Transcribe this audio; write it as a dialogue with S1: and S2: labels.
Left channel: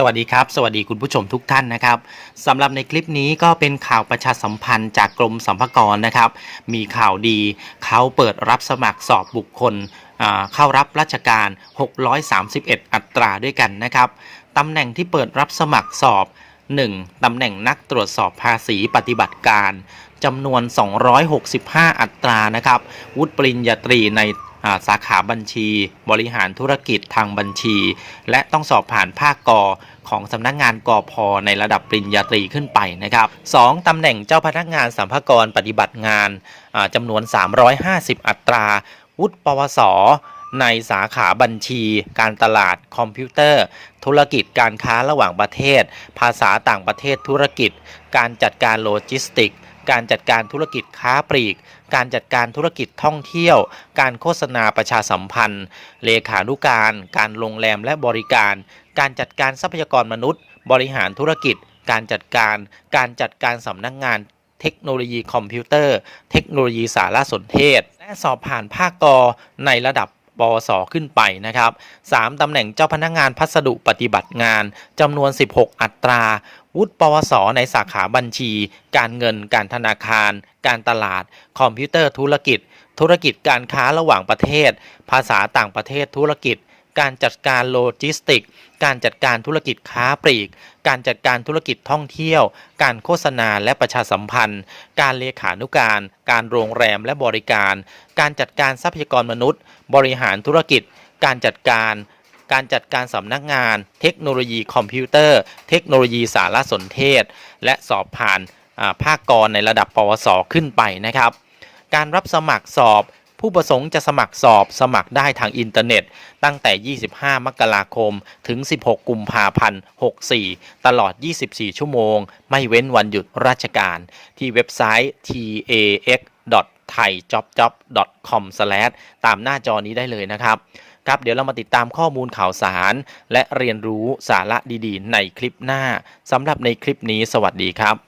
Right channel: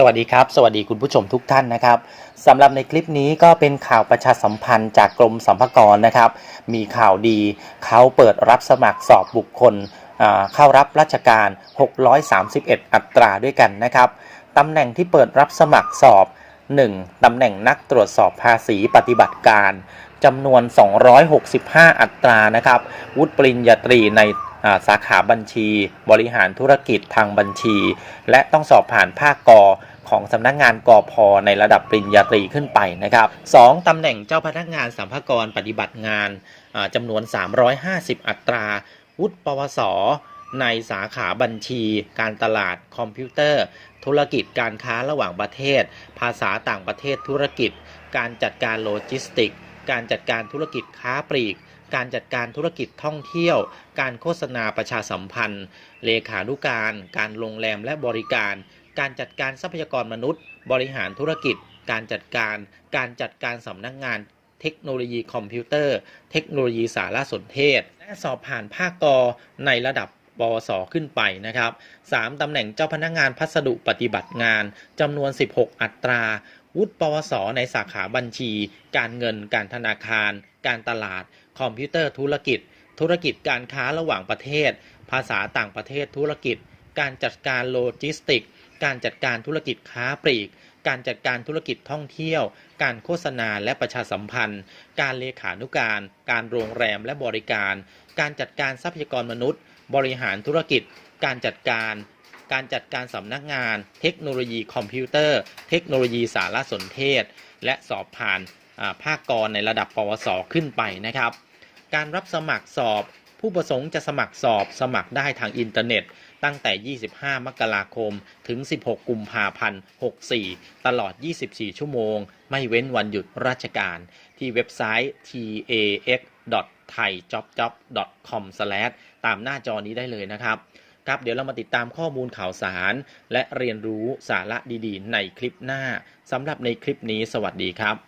S1: สวัสดีครับ สวัสดีคุณผู้ชมทุกท่านนะครับสำหรับในคลิปนี้ก็เป็นข่าวประชาสัมพันธ์จากกรมสรรพากรนะครับ มีข่าวดีเขาเปิดรับสมัครสอบบุคคลเข้ารับราชการ 631 อัตราด้วยกันนะครับตำแหน่งที่เปิดรับสมัครสอบ 1. ตำแหน่งนักตรวจสอบภาษีปฏิบัติการจำนวน 265 อัตรานะครับ วุฒิปริญญาตรีใน สาขาบัญชี บริหารธุรกิจทางบัญชี และต้องสอบผ่านภาคกอของสำนักงานกอพในระดับปริญญาตรีขึ้นไปนะครับ 2. ตำแหน่งเจ้าพนักงานสัมภากรปฏิบัติงานจำนวน 350 อัตรา วุฒิปวส ในสาขาบัญชี การตลาด คอมพิวเตอร์ ธุรกิจการค้าระหว่างประเทศ ภาษาต่างประเทศธุรกิจ การจัดการโลจิสติก การจัดการธุรกิจค้าปลีก การจัดการธุรกิจท่องเที่ยว การโฆษณาประชาสัมพันธ์ เลขานุการ การโรงแรมและบริการ การจัดการทรัพยากรมนุษย์ บริหารธุรกิจ การจัดการ การจัดการสำนักงานเทคโนโลยีคอมพิวเตอร์ เทคโนโลยีสารสนเทศ และสอบผ่านภาคกอในระดับ ปวสขึ้นไปนะครับ 3. ตำแหน่งเจ้าพนักงานพัสดุปฏิบัติงานจำนวน 16 อัตรา วุฒิปวส ในสาขาบัญชี การเงิน การธนาคาร การตลาด คอมพิวเตอร์ธุรกิจ ธุรกิจการค้าระหว่างประเทศ ภาษาต่างประเทศธุรกิจ การจัดการโลจิสติก การจัดการธุรกิจค้าปลีก การจัดการธุรกิจท่องเที่ยว การโฆษณาและประชาสัมพันธ์ การเลขานุการ การโรงแรมและบริการ การจัดการทรัพยากรมนุษย์ บริหารธุรกิจ การจัดการการจัดการสำนักงาน เทคโนโลยีคอมพิวเตอร์ เทคโนโลยีสารสนเทศ และสอบผ่านภาคกรในระดับปวสขึ้นไปนะครับ การรับสมัครสอบ ผู้ประสงค์จะสมัครสอบสมัครได้ทางอินเทอร์เน็ต ตั้งแต่ 25 มกราคม ถึง 16 กุมภาพันธ์ 64 ตลอด 24 ชั่วโมง ไม่เว้นวันหยุดราชการ ที่เว็บไซต์ tax thaijobjob.com ตามหน้าจอนี้ได้เลยนะครับครับเดี๋ยวเรามาติดตามข้อมูลข่าวสาร และเรียนรู้สาระดีๆ ในคลิปหน้าสำหรับในคลิปนี้สวัสดีครับ